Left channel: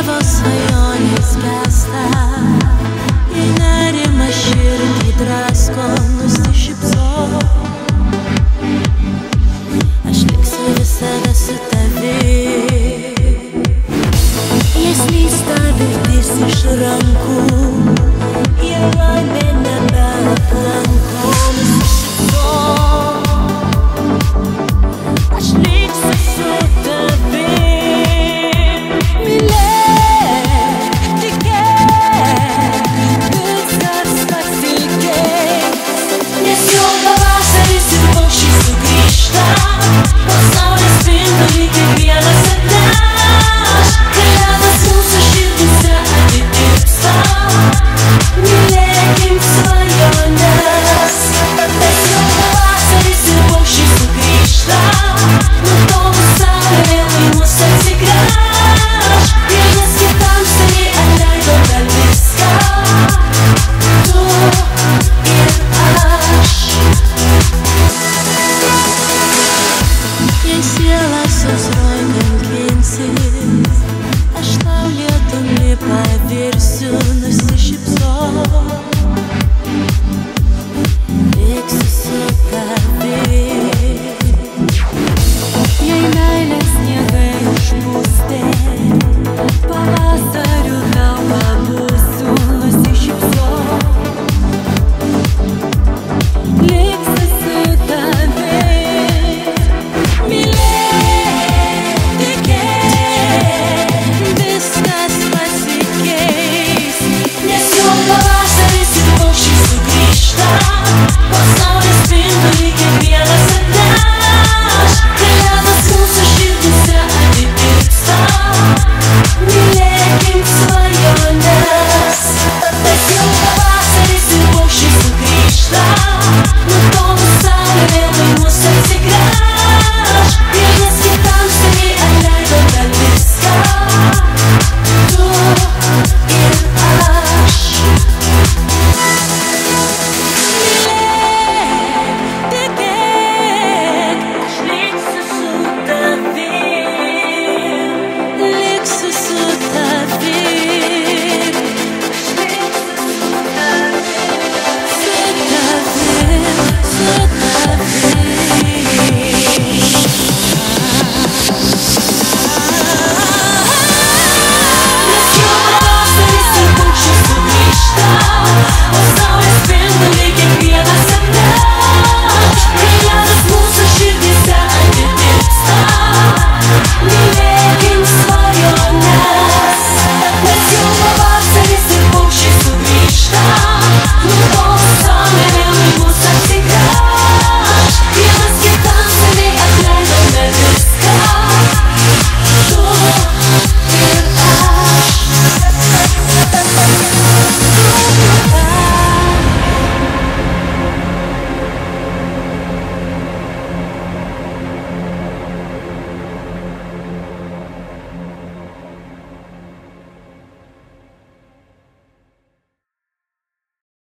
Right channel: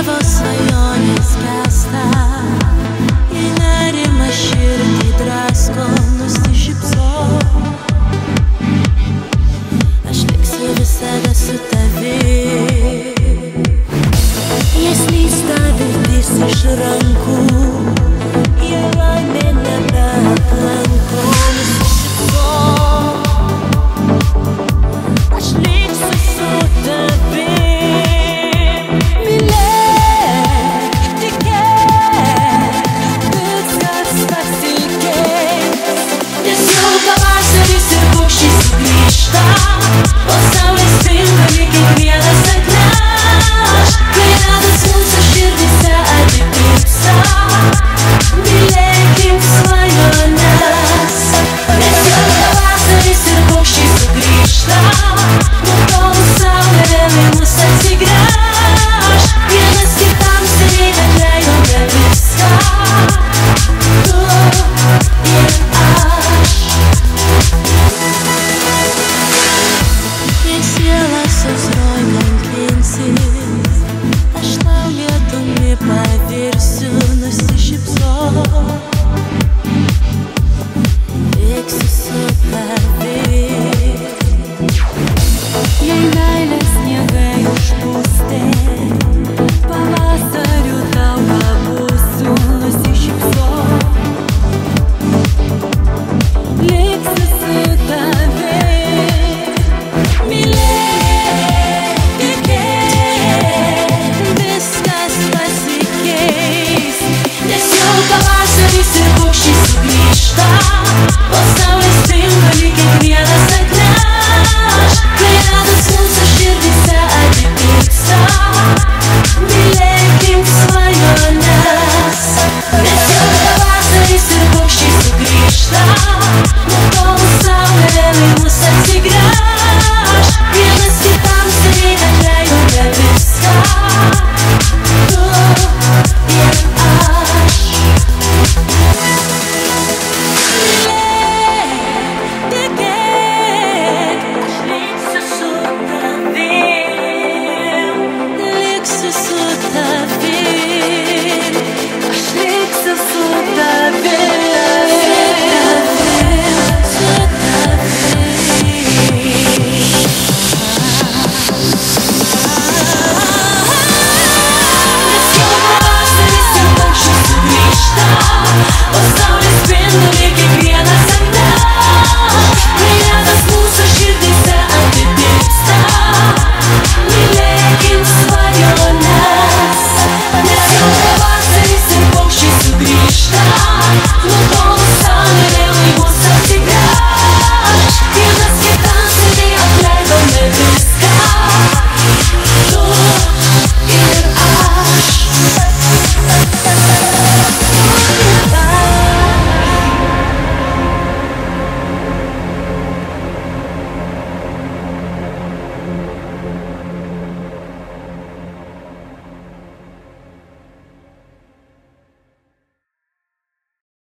tavo svajonės gęsta, jei nerimas širdį drasko, nusišypsok. Aš liksiu visada su tavim. Jei slysta viltis iš rankų, jei laimė nebeaplanko, nusišypsok. Aš liksiu su tavim. Mylėk, tikėk, viskas pasikeis, nes jau pavasaris ir paukščiai sugrįžta. Po saulės spinduliui kiekvienas atneš, kai ratas mūsų širdyse atitirpsta. Mylėkim svajones, nes jau pavasaris ir paukščiai sugrįžta. Nutolus saulė vėl į mus atsigręš, vienas kitam seniai atleidome viską, tu ir aš. Jei siela sausroj kankinsis, aš tau lietumi pavirsiu, nusišypsok. Liksiu su tavim. Jei meilės sniegai užpūstė, pavasariu tau pabūsiu, nusišypsok. Liksiu su tavim. Mylėk, tikėk, viskas pasikeis, nes jau pavasaris ir paukščiai sugrįžta. Po saulės spinduliui kiekvienas atneš, kai ratas mūsų širdyse atitirpsta. Mylėkim svajones, nes jau pavasaris ir paukščiai sugrįžta.